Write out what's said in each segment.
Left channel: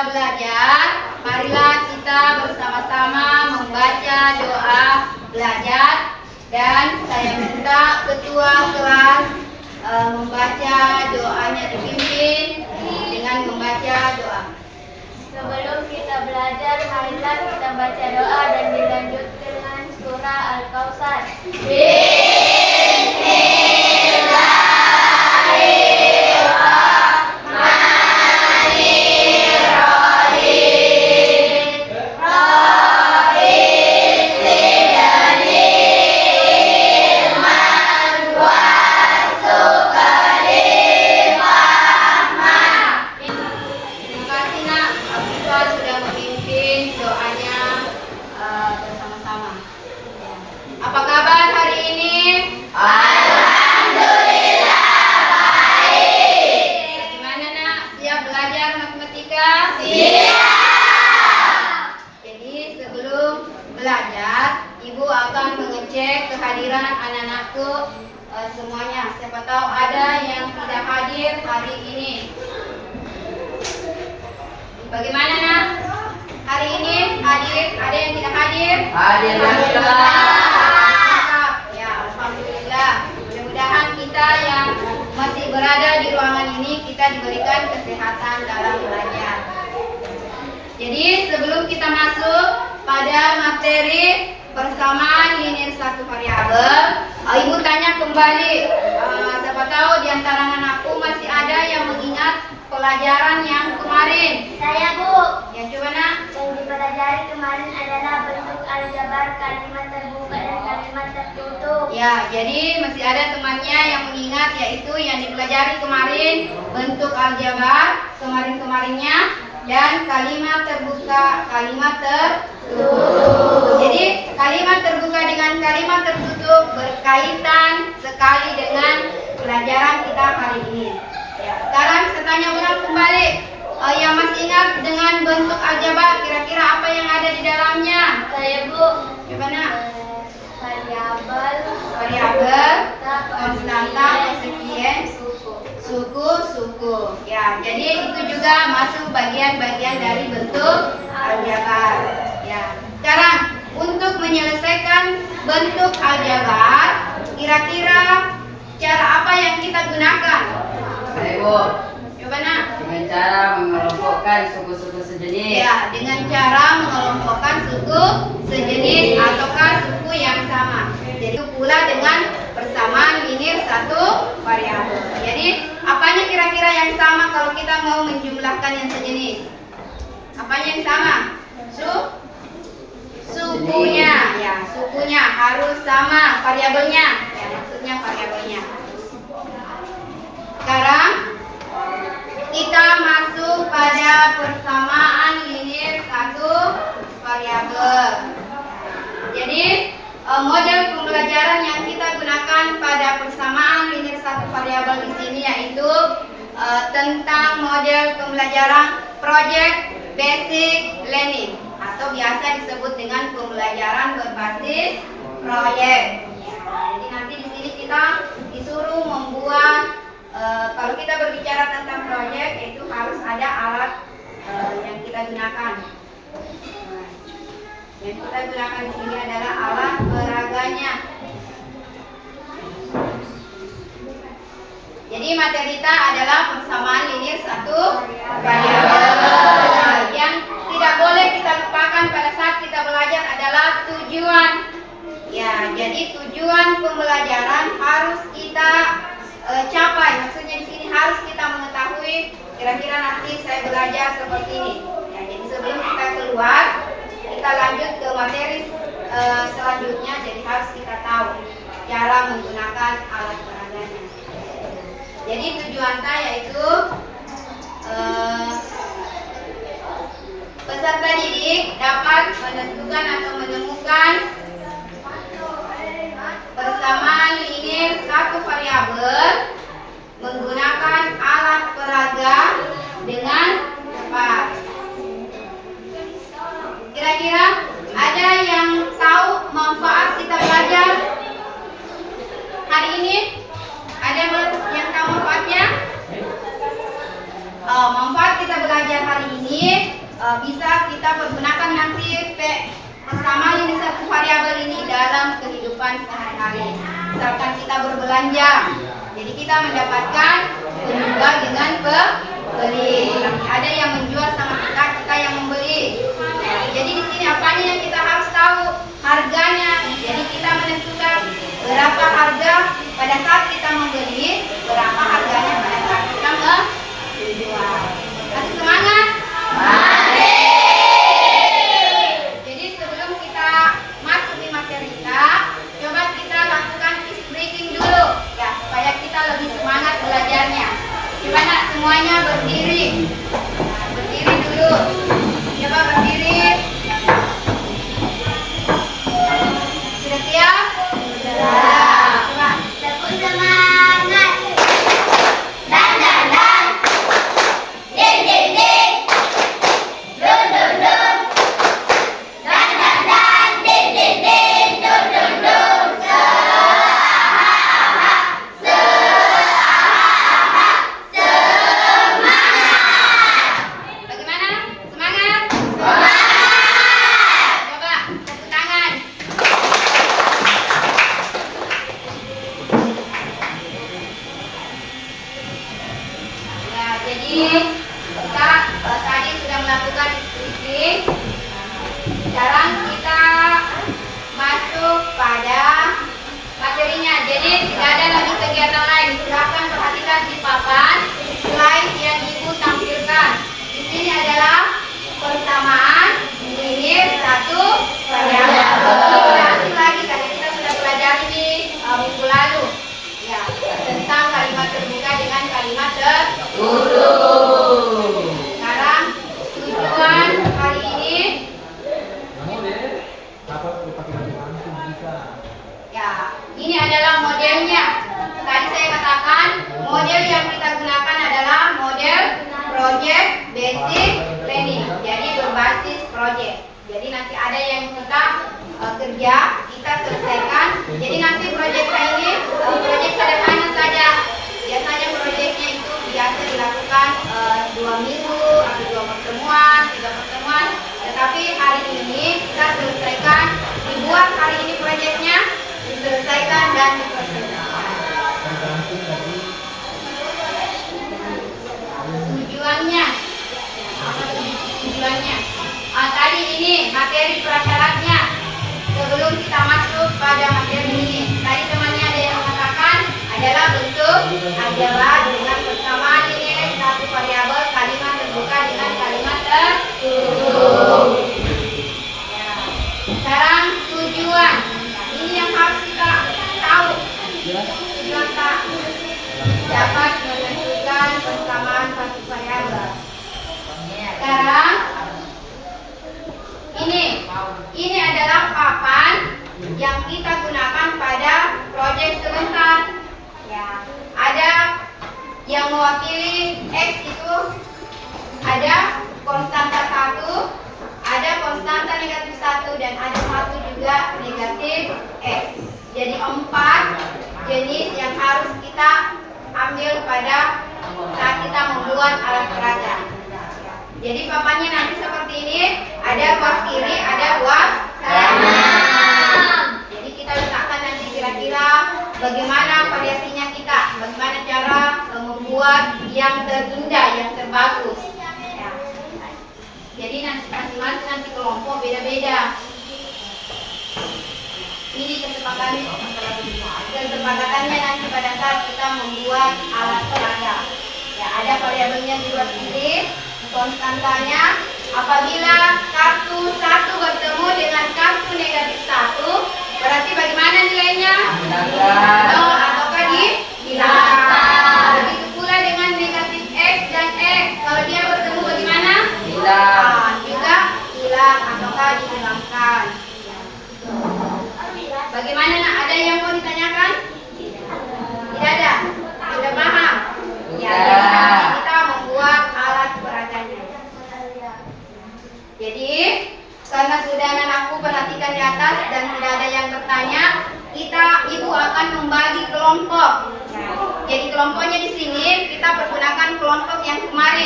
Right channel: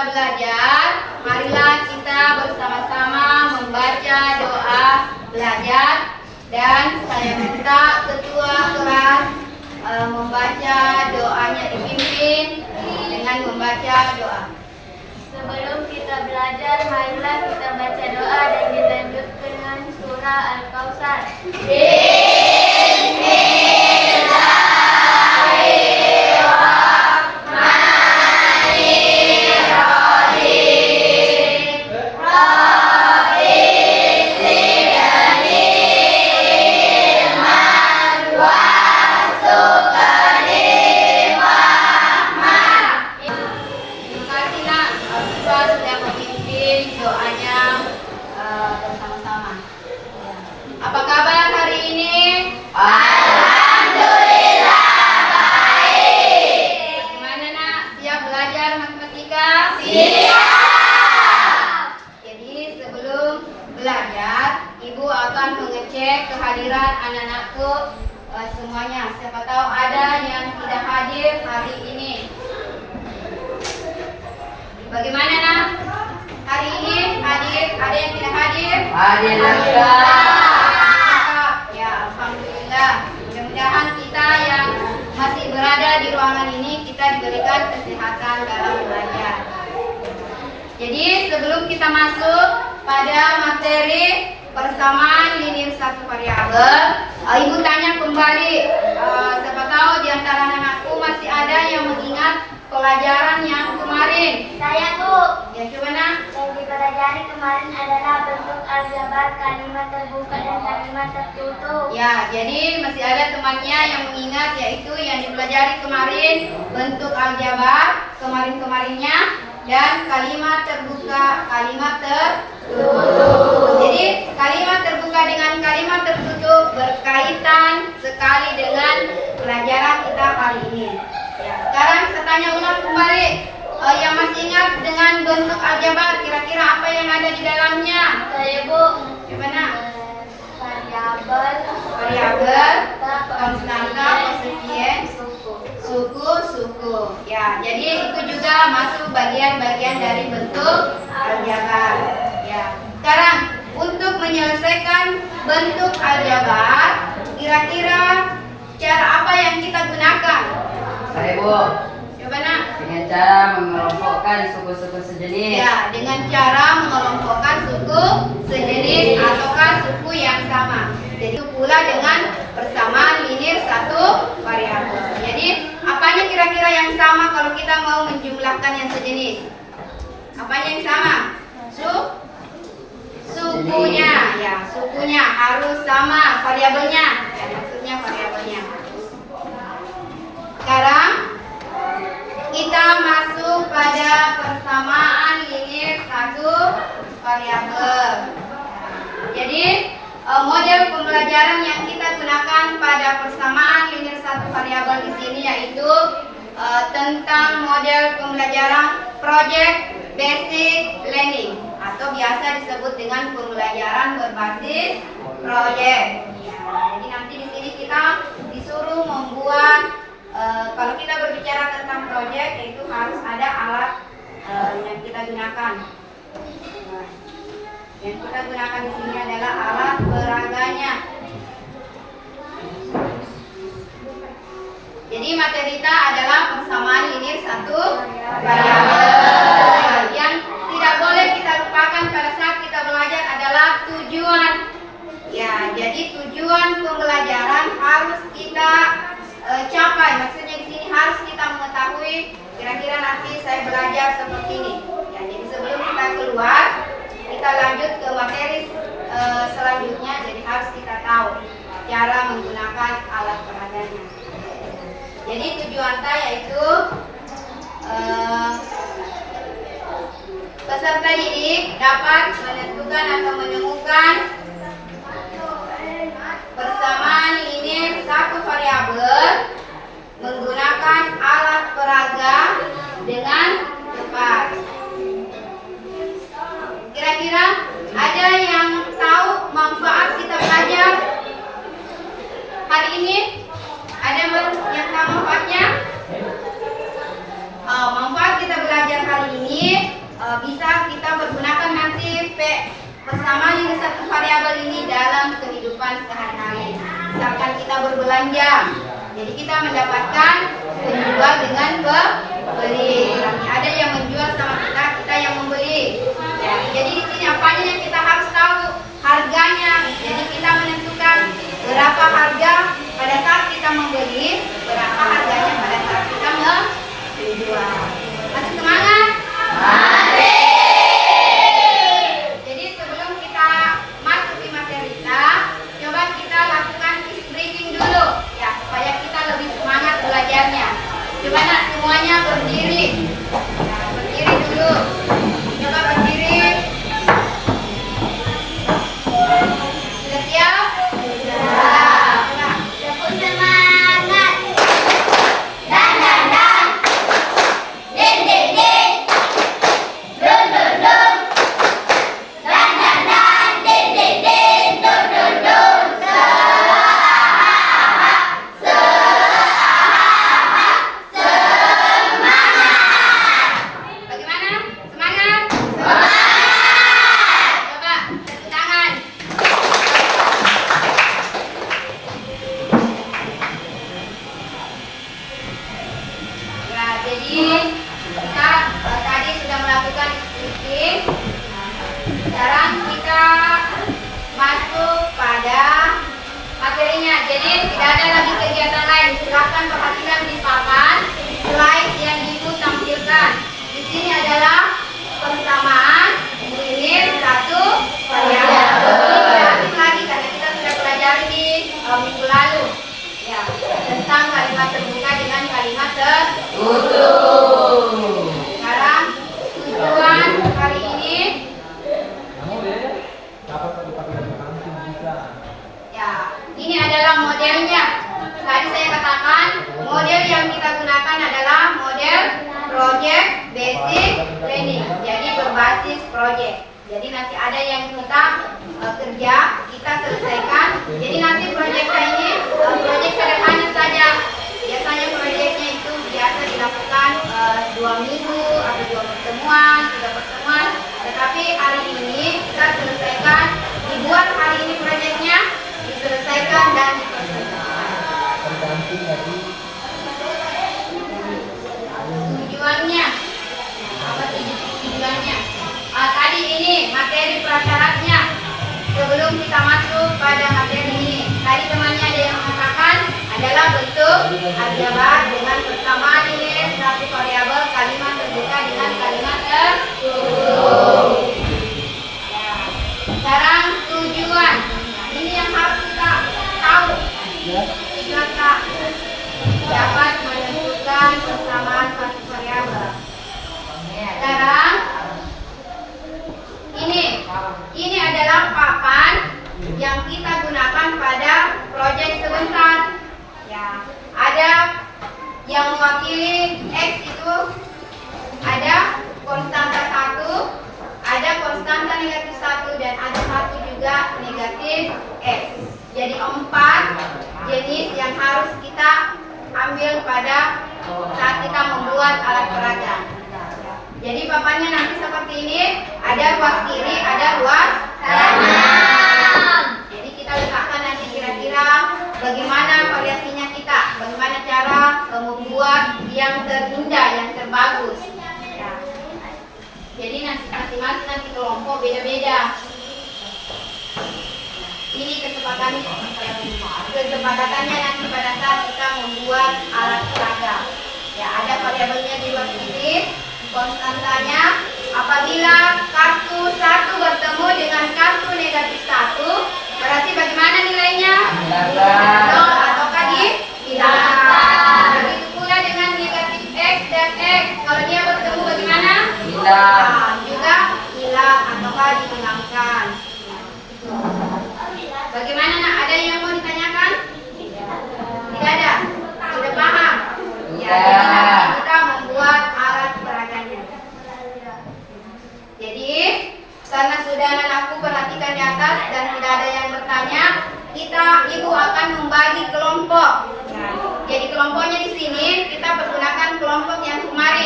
belajar, marilah kita bersama-sama membaca doa belajar. Dan saya minta ketua kelas membaca doanya, dipimpin dengan membaca doa. Sebelum kita belajar, marilah kita baca doa dan dilanjutkan dengan surah Al-Kautsar. Sudah memimpin doanya bersama-sama. Apa kabar hari ini? Alhamdulillah baik. Gimana nak? Siap belajar matematika? Siap. Jadi sebelum belajar, Ibu akan mengecek kehadiran anak-anakku semuanya. Siapa tahu ada yang tidak hadir hari ini. Bagaimana nak? Hari ini hadir, ada yang tidak hadir? Hadir. Ya, alhamdulillah. Mudah-mudahan kita yang masih berada di ruangan ini kita diberikan kesehatan dalam belajar. Jadi sebelum kita masuk pada materi persamaan linear satu variabel, Ibu tanya kembali. Siapa tahu di antara anakku masih ada yang mengingat pelajaran yang kemarin. Saya, Bu. Ya, coba nak. Yang dipelajari kemarin adalah bentuk aljabar, kalimat terbuka dan kalimat tertutup. Ya, jadi masih ada temannya yang mengingat, yaitu yang dipelajari kemarin bentuk aljabar kemarin-kemarinnya dan kalimat terbuka, kalimat tertutup. Jadi kalimat terbuka dengan kalimat tertutup berkaitan sekali dengan pelajaran kita hari ini. Ya, sekarang saya tanya ulang kembali, yang masih ingat dengan bentuk aljabar, kira-kira apa yang ada di dalamnya? Saya, Bu. Gimana? Variabel, Konstanta, kosefien, suku. Ya, jadi itu juga masuk bagian-bagian dari bentuk aljabar. Ya. Sekarang untuk menyelesaikan bentuk aljabar, kira-kira cara apa yang kita gunakan? Baik, Bu. Coba nak. Dengan cara mengelompokkan suku-suku sejenis. Ya, dengan cara mengelompokkan suku sejenis ataukah suku yang sama. Jadi itu pula dengan persamaan linear satu variabel. Jadi apanya kira-kira yang sama kalau kita mau menjumlahkan yang sejenis? Apanya yang sama? Sukunya. Ya, sukunya harus sama, variabelnya. Ya, maksudnya variabelnya. Sekarang kita masuk pada persamaan linear satu variabel. Jadi model pembelajaran yang kita gunakan pada persamaan linear satu variabel di sini yaitu tentang model pembelajaran project basic learning atau biasa disebut dengan pembelajaran berbasis proyek. Ya, jadi nanti di sini kita disuruh membuat kalau kita berbicara tentang proyek, itu harus ada alat yang kita gunakan. Nah, yang kita gunakan di sini adalah alat peraganya. Jadi materi kita adalah persamaan linear satu variabel. Yang tidak boleh kita lupakan pada saat kita belajar adalah tujuan. Ya, jadi tujuan pembelajaran harus kita capai. Maksudnya di sini harus kita mengetahui kira-kira nanti saya belajar seperti ini. Ya, jadi sebelum kita keluar, kita lanjut ke materi selanjutnya. Jadi harus kita tahu cara menggunakan alat peraganya. Jadi tujuan saya yaitu peserta didik dapat menentukan atau menemukan persamaan linear satu variabel menggunakan alat peraga dengan tepat. Kira-kira ada yang tahu manfaat kita belajar hari ini? Ada yang tahu manfaatnya? Manfaat kita belajar hari ini bisa kita pergunakan nanti persamaan ini satu variabel ini dalam kehidupan sehari-hari. Misalkan kita berbelanja, jadi kita mendapatkan penjual dengan pembeli. Ada yang menjual sama kita, kita yang membeli. Ya, jadi di sini apanya yang kita harus tahu? Harganya. Jadi kita menentukan berapa harga pada saat kita membeli, berapa harganya pada saat kita menjual. Masih semangat? Jadi sebelum kita masuk di materi kita, coba kita lakukan icebreaking breaking dulu ya, supaya kita lebih semangat belajarnya. Coba nak semuanya berdiri. Nah, berdiri dulu. Coba berdiri. Sudah siap? Sudah. Coba. Tepuk semangat. Dan dan dan. Ding ding ding. Dun dun dun. Dan dan dan. Ding ding ding. Dun dun dun. Seaha-aha. Seaha-aha. Semangat. Bagaimana? Semangat? Semangat. Coba tepuk tangan. Ya, jadi kita tadi sudah melakukan speaking. Sekarang kita masuk pada materinya. Jadi tidak ada lagi kegiatan lain. Silakan perhatikan di papan slide yang ibu tampilkan. Di sini adalah persamaan linear satu variabel. Lagi karena kita sudah pelajari di minggu lalu. Ya, tentang kalimat terbuka dengan kalimat Tutup. sekarang tujuan hari ini Kamu deh, dapat dipakai di kantin bisa. ya, ini adalah modelnya. Tadi saya katakan model yang kita gunakan adalah model project basic training. Jadi berbasis project. Jadi nanti ada yang kita kerja, kita selesaikan. Jadi nanti proyeknya ini proyek sederhana saja. Biasanya proyeknya itu biasa dilakukan 2 minggu atau 2 pertemuan, 3 pertemuan. Tetapi hari ini kita selesaikan, dibuat hari ini proyeknya, diselesaikan dan diperselesaikan. Tergantung dari Tujuannya apa tujuannya? Tadi ini materi prasyaratnya. Sebelum kita masuk pada materi ini, tadi temannya ada yang mengatakan adalah bentuk aljabar dengan persamaan linear satu variabel kalimat terbuka dengan kalimat tertutup. Ya. Sekarang tujuan. Ini yang harus kita tahu. Kita dapat menentukan persamaan satu variabel. Sekarang ini adalah papan yang kita gunakan pada proyek sebentar. Ya, ada yang mewakili X itu ada konstanta 1, ada konstanta negatif 1 dan ada 1 juga negatif X. Jadi 4 jenis yang harus kita ambil pada saat kita membuat alat peraga. Jadi papannya nanti seperti ini, ada kuas kiri, ada kuas kanan. Jadi kita letakkan nanti kira-kira bagaimana variasinya kita, bagaimana cara membuat yang terindah, yang terbagus. Ya. Jadi nanti masing-masing nanti kelompok beda-beda. Ini kesepakatannya nanti pada saat kita membuat alat peraga. Ya, ada variabelnya juga sedikit. Konstantanya apabila kartu 1 bertemu dengan kartu negatif 1, berarti bagaimana nilainya? Hilangkan. Ataukah dihilangkan. Begitu pula dengan negatif X dan X, kalau dia bertemu bagaimana? Hilang. Juga hilang ataukah dihilangkan. Bagaimana nak? Ada yang mau ditanyakan? Tidak ada? Sudah paham? Ya, Sudah. jadi nanti kita membuat alat peraganya. Jadi, karena sudah anakku perhatikan di atas dan tidak ada yang bertanya, ibu akan membagi kelompok. Ya, jadi kelompoknya di sini kita pergunakan kelompok yang kemarin.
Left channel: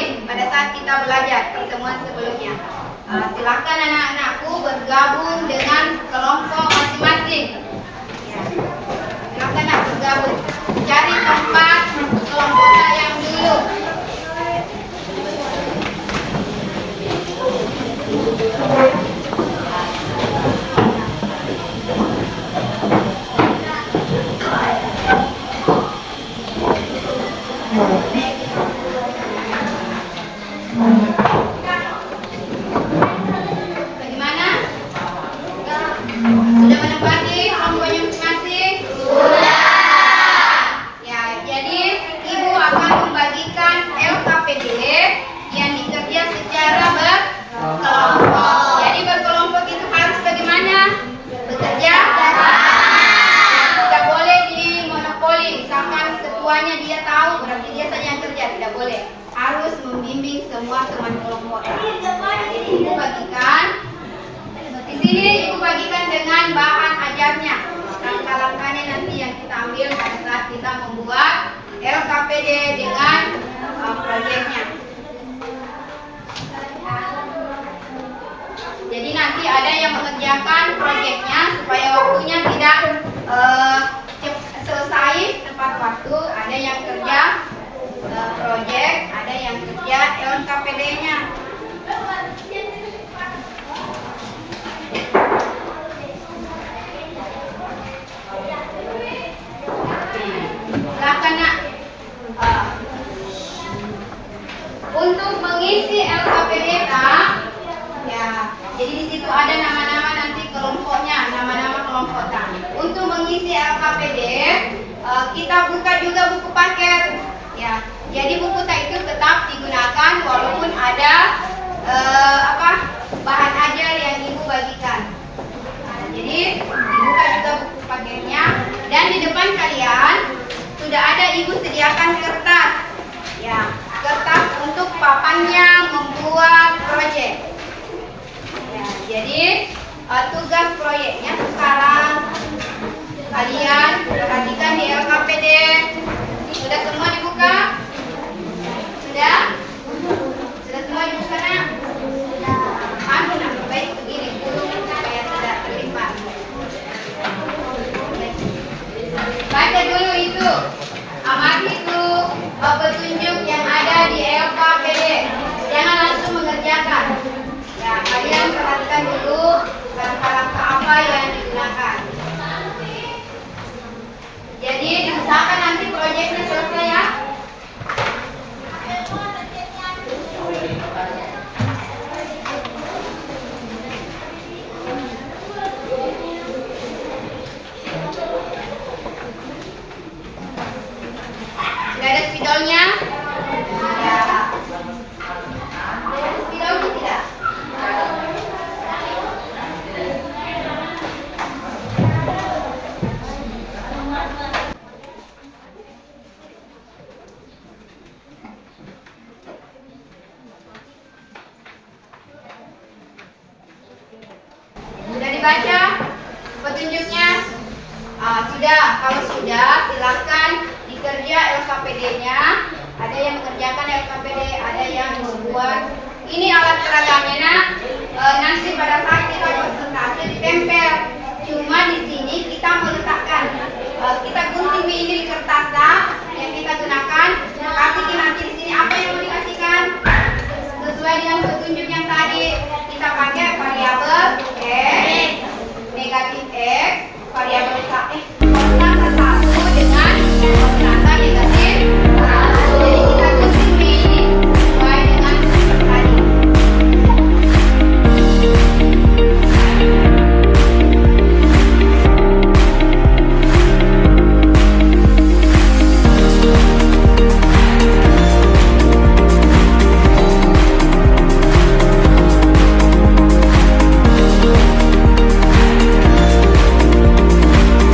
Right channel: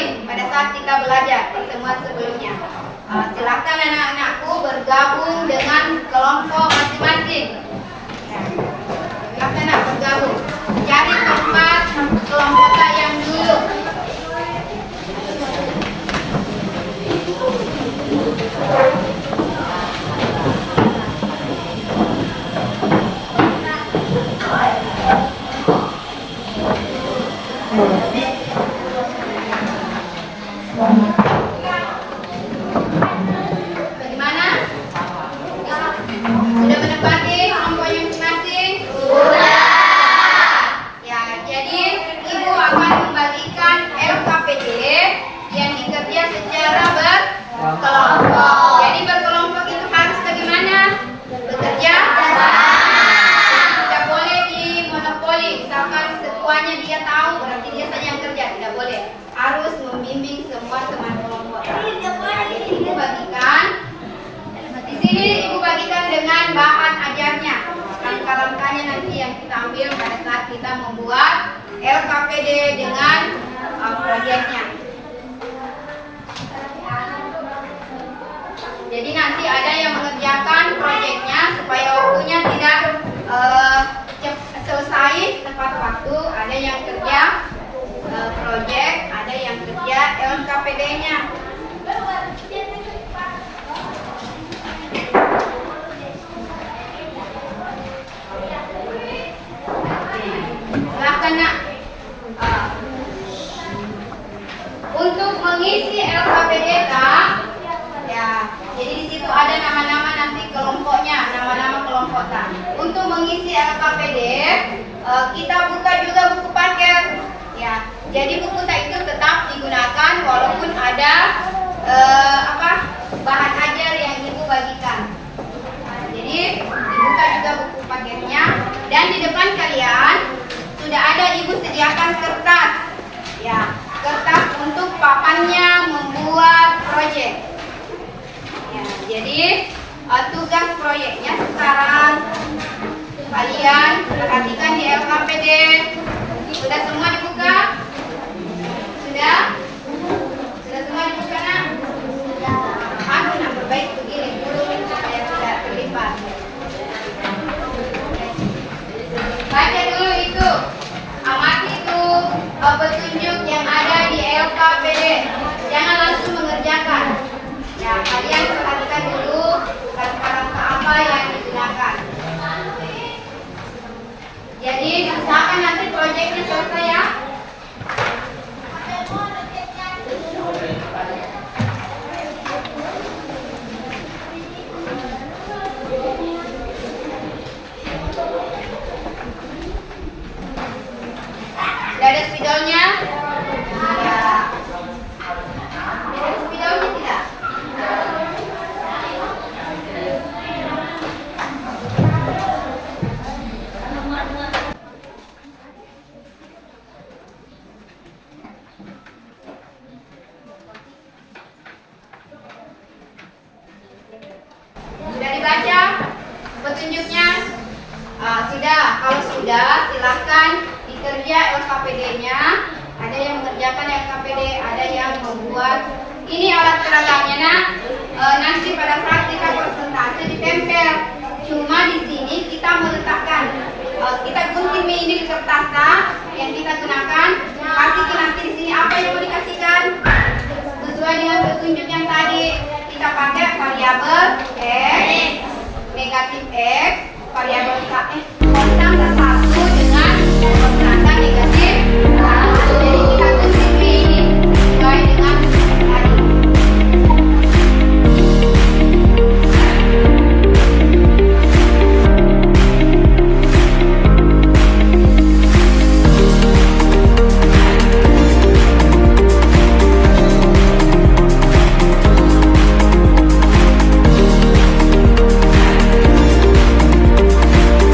pada saat kita belajar pertemuan sebelumnya. Silakan anak-anakku bergabung dengan kelompok masing-masing. Ya. Silakan nak bergabung. Cari tempat kelompok yang dulu. Bagaimana? Sudah menempati kelompoknya masing-masing? Ya, jadi Ibu akan membagikan LKPD yang dikerja secara berkelompok. Jadi berkelompok itu harus bagaimana? Bekerja sama. Tidak boleh dimonopoli. Misalkan ketuanya dia tahu, berarti dia saja yang kerja. Tidak boleh. Harus membimbing semua teman kelompok. Nah, jadi Ibu bagikan. Di sini Ibu bagikan dengan bahan ajarnya. Langkah-langkahnya nanti yang kita ambil pada saat kita membuat LKPD dengan proyeknya. Jadi nanti ada yang mengerjakan proyeknya supaya waktunya tidak selesai tepat waktu. Ada yang kerja proyek, ada yang kerja LKPD-nya. Silakan nak. Untuk mengisi LKPD Kak, ya, jadi di situ ada nama-nama nanti kelompoknya, nama-nama kelompok Kak. Untuk mengisi LKPD, kita buka juga buku paket, ya. Jadi buku tak itu tetap digunakan walaupun ada bahan ajar yang Ibu bagikan. Nah, jadi dibuka juga buku paketnya dan di depan kalian sudah ada Ibu sediakan kertas, ya, kertas untuk papannya membuat proyek. Ya, jadi tugas proyeknya sekarang kalian perhatikan di LKPD. Sudah semua dibuka? Sudah? Sudah semua dibuka nak? Aku nak perbaiki begini supaya tidak terlipat. Baca dulu itu. Amati itu petunjuk yang ada di LKPD. Jangan langsung mengerjakan. Ya, kalian perhatikan dulu langkah-langkah apa yang digunakan. Jadi usahakan nanti proyeknya selesai ya. Sudah ada spidolnya? Ya. Ada spidolnya tidak? Sudah dibaca petunjuknya? Sudah. Kalau sudah, silahkan dikerja LKPD-nya. Ada yang mengerjakan LKPD, ada yang membuat. Ini alat peragamnya nak. Nanti pada saat kita presentasi ditempel. Cuma di sini kita meletakkan. Kita gunting ini di kertas yang kita gunakan. Kasih nanti di sini apa yang mau dikasihkan sesuai dengan petunjuk yang tadi. Kita pakai variabel X, negatif X, variabel konstan 1 dengan konstan negatif 1. Jadi kita gunting ini sesuai dengan tadi.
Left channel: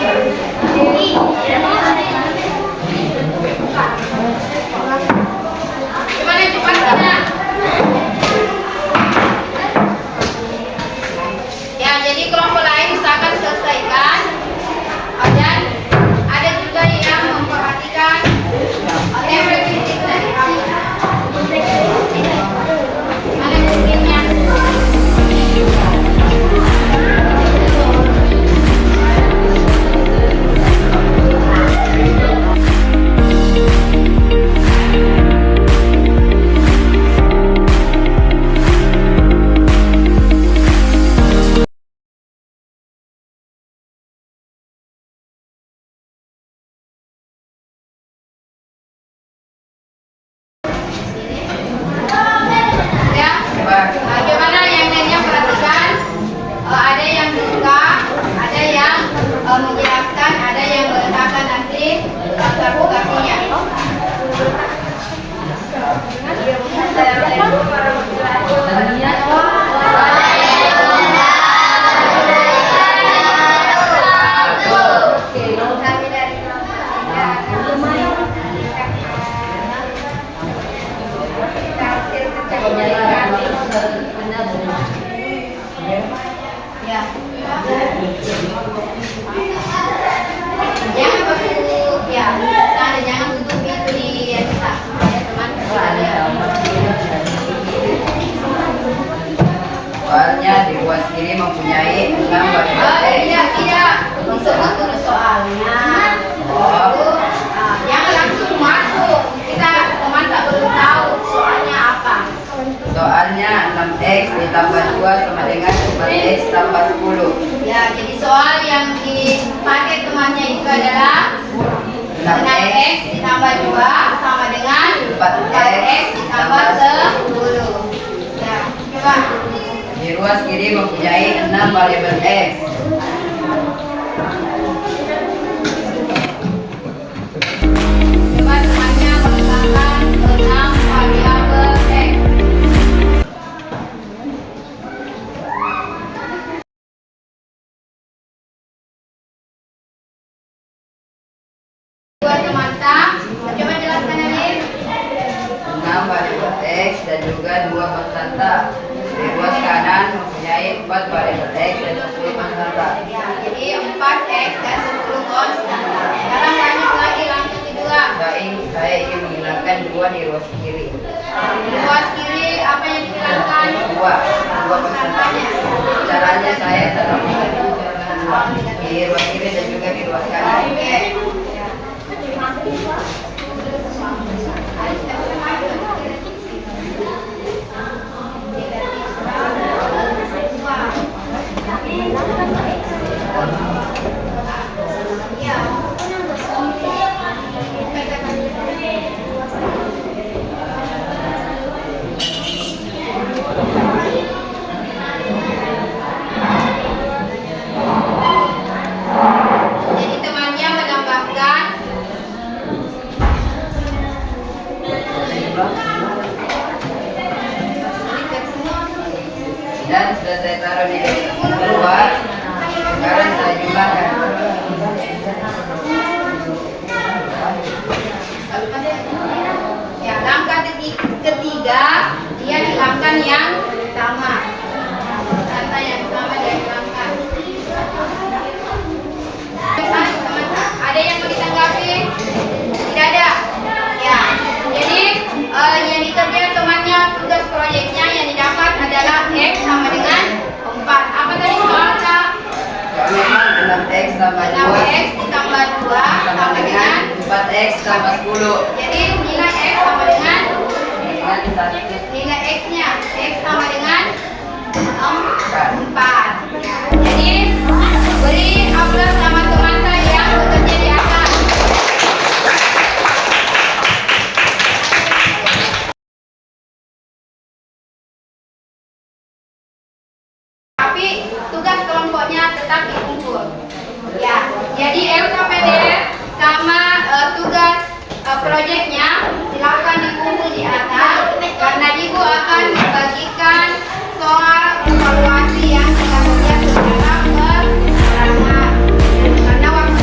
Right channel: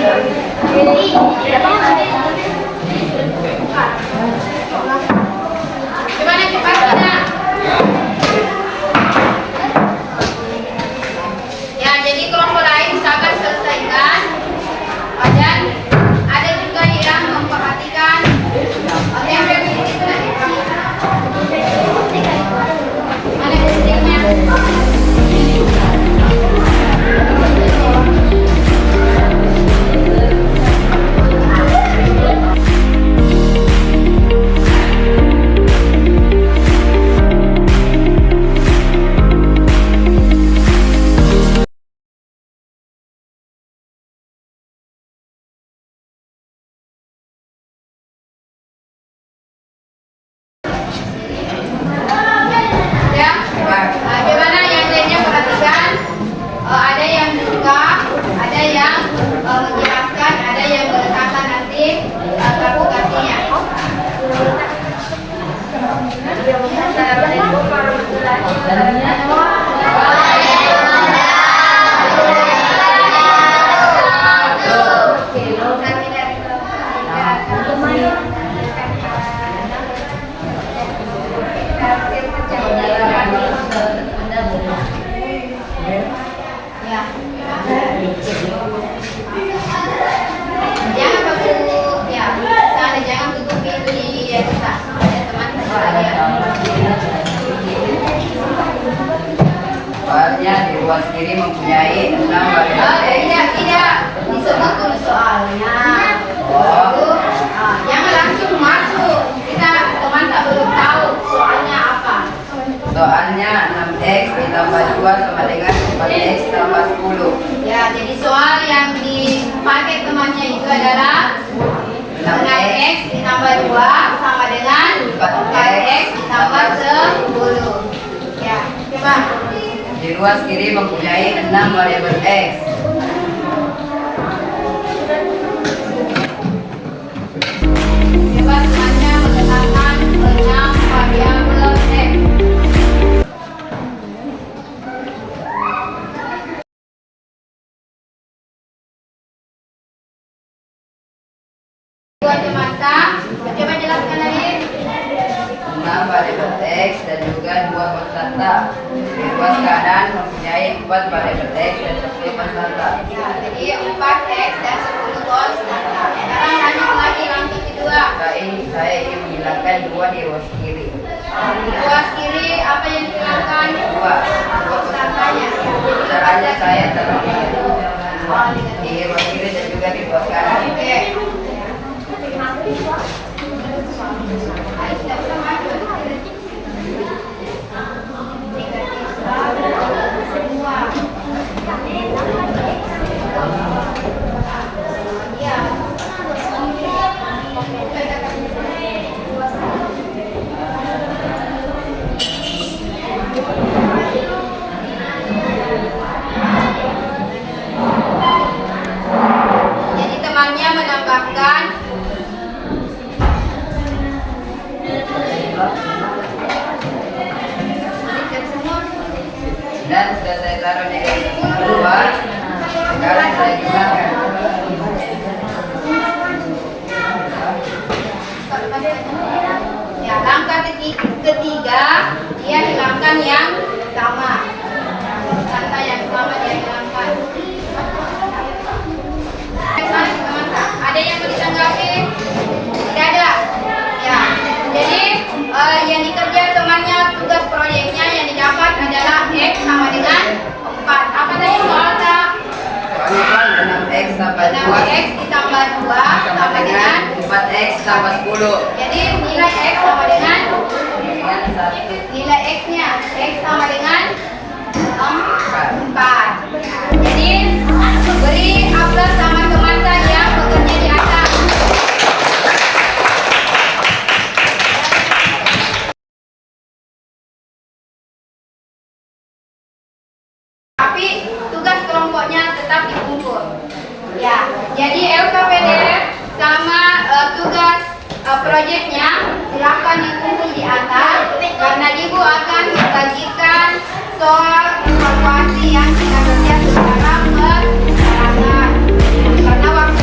Gimana cepat Kina? Ya, jadi kelompok lain usahakan selesaikan. Dan ada juga yang memperhatikan yang repetisi tadi. Ada pentingnya. Ya, bagaimana yang lainnya perhatikan? Ada yang buka, ada yang menjelaskan, ada yang meletakkan nanti kalkulasinya. Ya. Jangan tutup, ya. Sana jangan tutup pintu di kita. Teman Soalnya di ruas kiri mempunyai 6 variabel X. tidak disebut dulu soalnya. Oh. Jangan langsung masuk. Kita teman tak belum tahu soalnya apa. Soalnya 6X ditambah 2 sama dengan 4X tambah 10. Ya, jadi soal yang dipakai temannya itu adalah 6x ditambah 2 sama dengan 4x ditambah 10. Ya, coba. Di ruas kiri mempunyai 6 variabel X. Coba temannya menetapkan 6 variabel x. Buat teman-teman, coba jelaskan Alif. 6 variabel X dan juga 2 konstanta. Di ruas kanan mempunyai 4 variabel X dan 10 konstanta. Ya, jadi 4x dan 10 konstanta. Sekarang lanjut lagi langkah kedua. Saya ingin menghilangkan 2 di ruas kiri. Di ruas kiri apa yang dihilangkan? 2 Konstantanya. caranya saya taruh di ruas kiri dan juga di ruas kanan. Oke. Jadi temannya menambahkan Dan sudah saya taruh di luar. Sekarang saya hilangkan. ya langkah ketiga dia hilangkan yang sama. Kata yang sama dia hilangkan. Teman-teman, ada yang mau ditanggapi? Tidak ada. Ya, jadi yang dikerja temannya tugas proyeknya yang didapat adalah X sama dengan 4. Apa tadi soalnya? Soalnya kan 6X tambah 2 6x ditambah 2 sama sama dengan dengan 4X tambah 10. jadi nilai X sama dengan Dengan 1. nilai X-nya X sama dengan 4. Jadi beri aplaus sama teman saya yang bekerja di atas. Tapi tugas kelompoknya tetap dikumpul. Ya, jadi LKPDF sama tugas proyeknya silakan dikumpul di atas karena ibu akan membagikan soal evaluasi yang kita kerja secara berbarengan. Karena waktu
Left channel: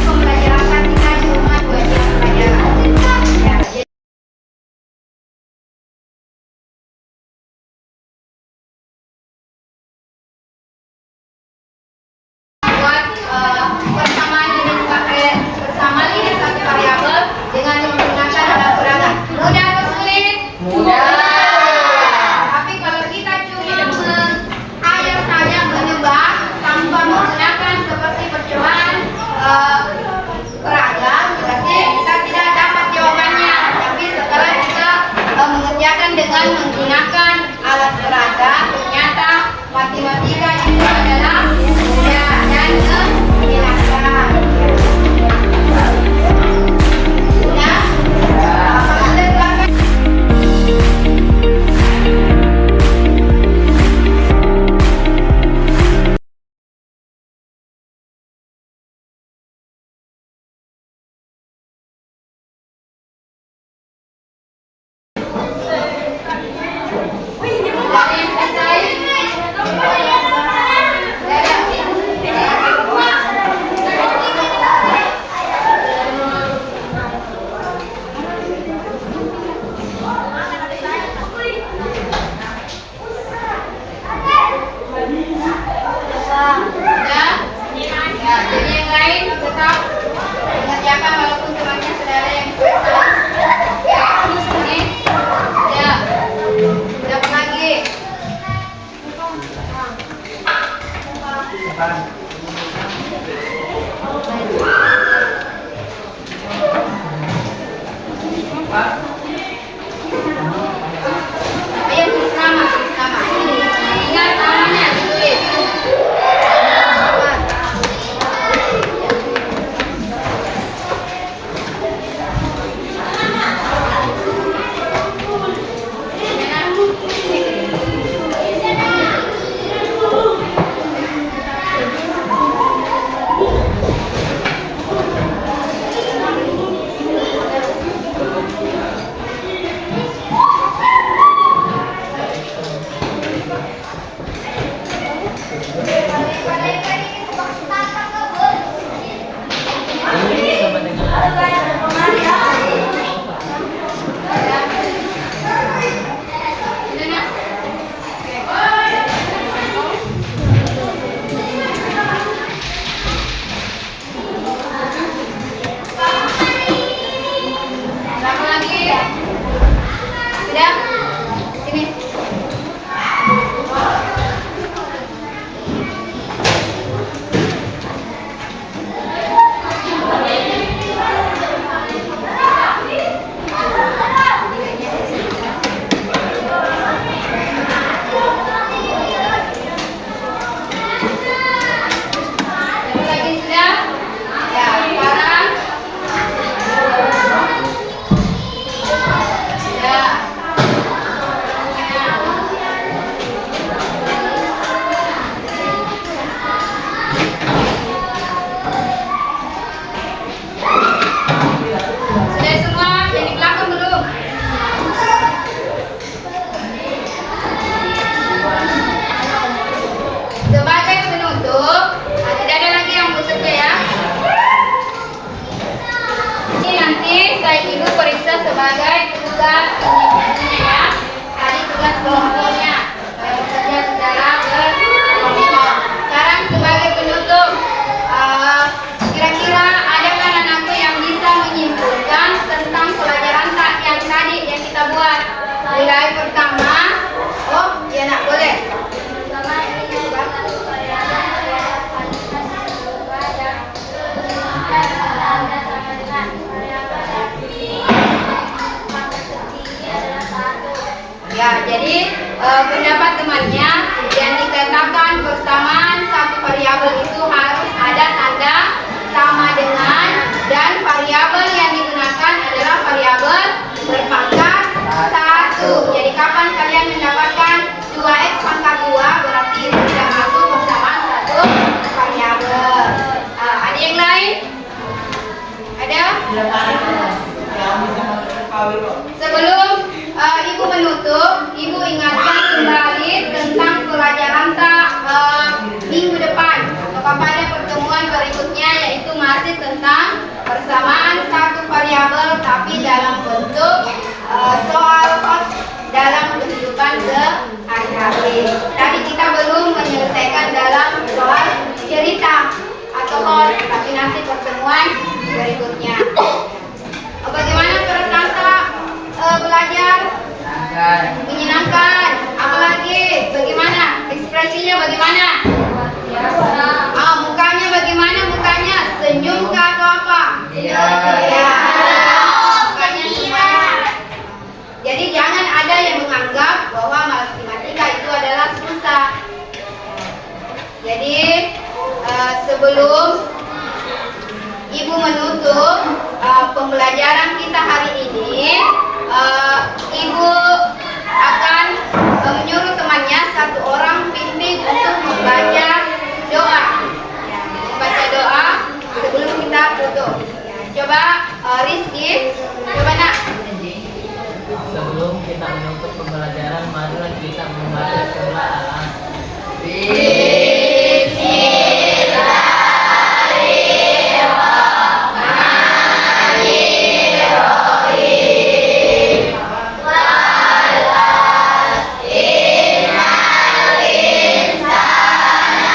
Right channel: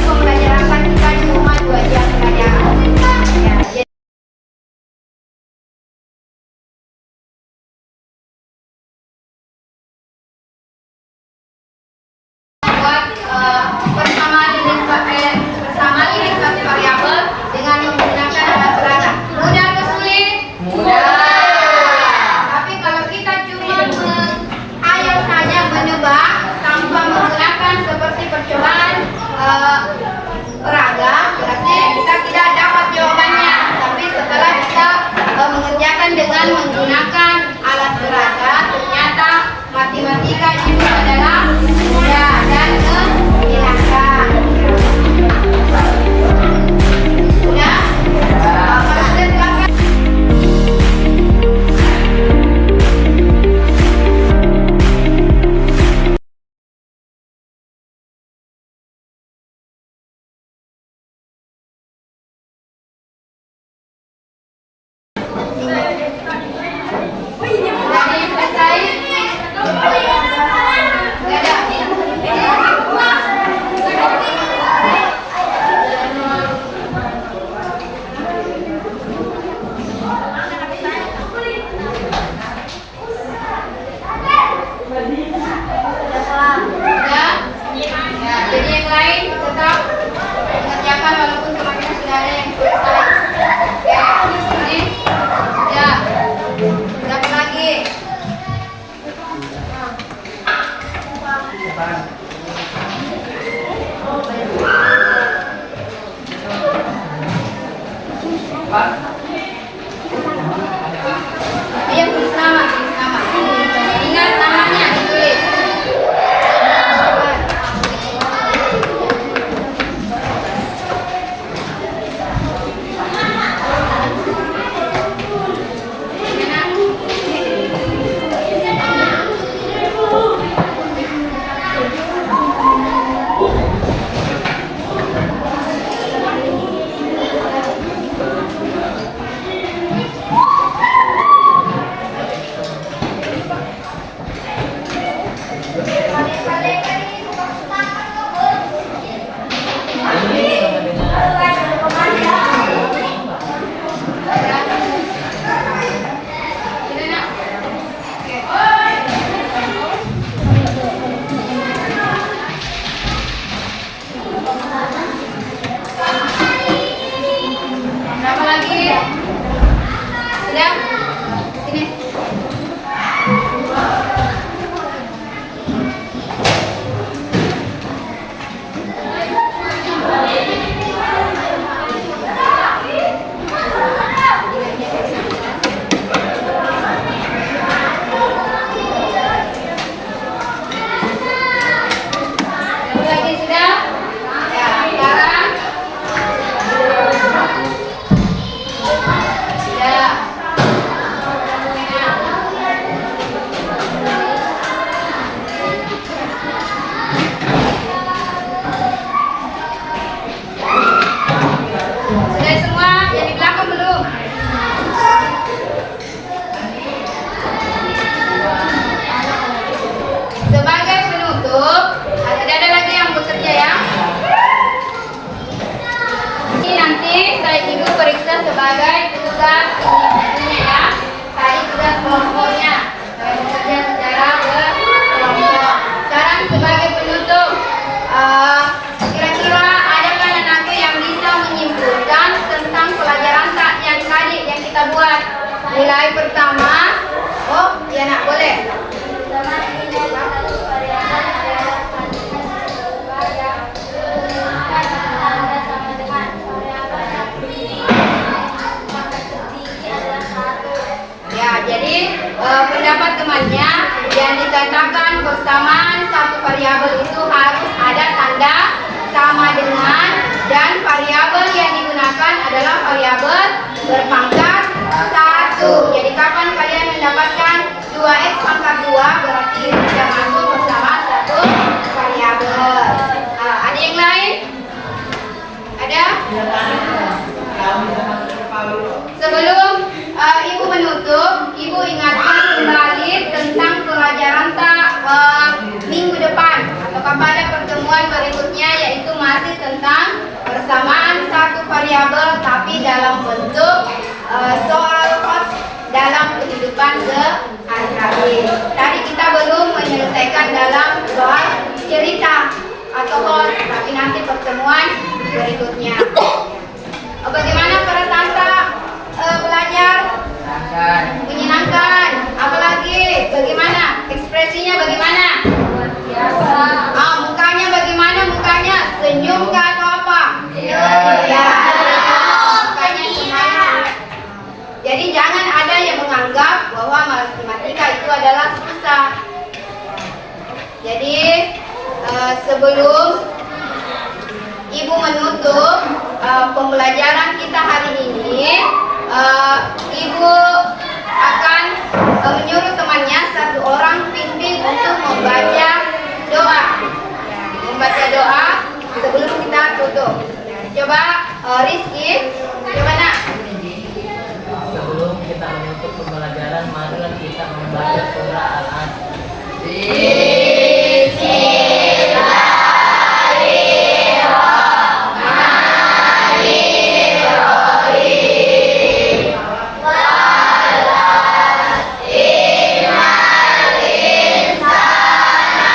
tetap mengerjakan walaupun temannya saudara yang selesai. Oke, ini ya. Berapa lagi? Ayo tulis nama, tulis nama. Ingat namanya ditulis. Berapa lagi? Sudah? Sini. Berapa lagi sudah? Ya, sekarang. Ya. Sudah semua jadi belakang belum? Sebagai penutup, tidak ada lagi yang bekerja ya. Ini nanti saya ibu periksa sebagai tugas individunya ya. Tadi tugas kelompoknya, saya bekerja secara berkelompok. Sekarang sebagai penutup, kira-kira adakah anakku yang bisa menyimpulkan tentang pelajaran tak yang tadi yang kita buat? Nilai pertama, oh ya nak boleh. Ya, jadi pendapat temannya yang dikatakan persamaan satu variabel itu harus ada tanda sama dengan, dan variabel yang digunakan adalah variabel berpangkat 1. Jadi kapan kalian mendapatkan 2x pangkat 2 berarti sudah masuk bersama satu variabel. Ada yang lain? Ada? Sebelum ibu menutup, ibu ingatkan kembali tentang pelajaran minggu depan atau pada pertemuan berikutnya, yaitu masih tentang persamaan satu variabel tapi dalam bentuk soal dalam kehidupan sehari-hari. Tadi kita belum menyelesaikan dalam soal cerita atau hoax, tapi nanti pertemuan berikutnya. Bagaimana perasaan belajar? Menyenangkan. Apalagi bagaimana ekspresinya, bagaimana? Mukanya bagaimana? Mukanya senyum kah atau apa? Ya. Mukanya semangat. Jadi jangan ada yang menganggap bahwa matematika itu adalah susah. Jadi sebelum ibu menutup pembelajaran kita hari ini, ibu akan menyuruh temannya satu orang bimbing untuk membaca doa. Ya, membaca doa sebelum kita tutup. Ya, coba Rizky, coba nak. Sebelum kita menutup pembelajaran, marilah kita membaca surah Al-Asr.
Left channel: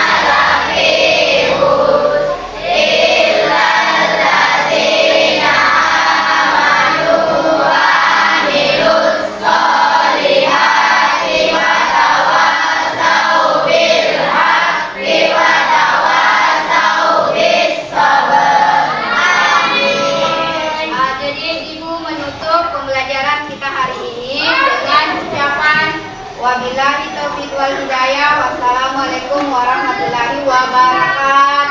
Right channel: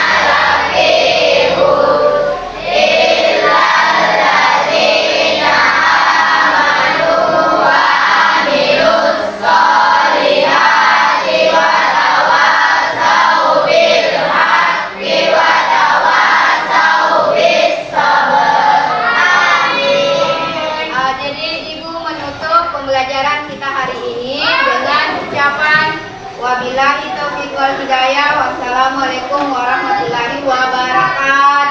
menutup pembelajaran kita hari ini dengan ucapan wabillahi taufiq wal hidayah. Wassalamualaikum warahmatullahi wabarakatuh.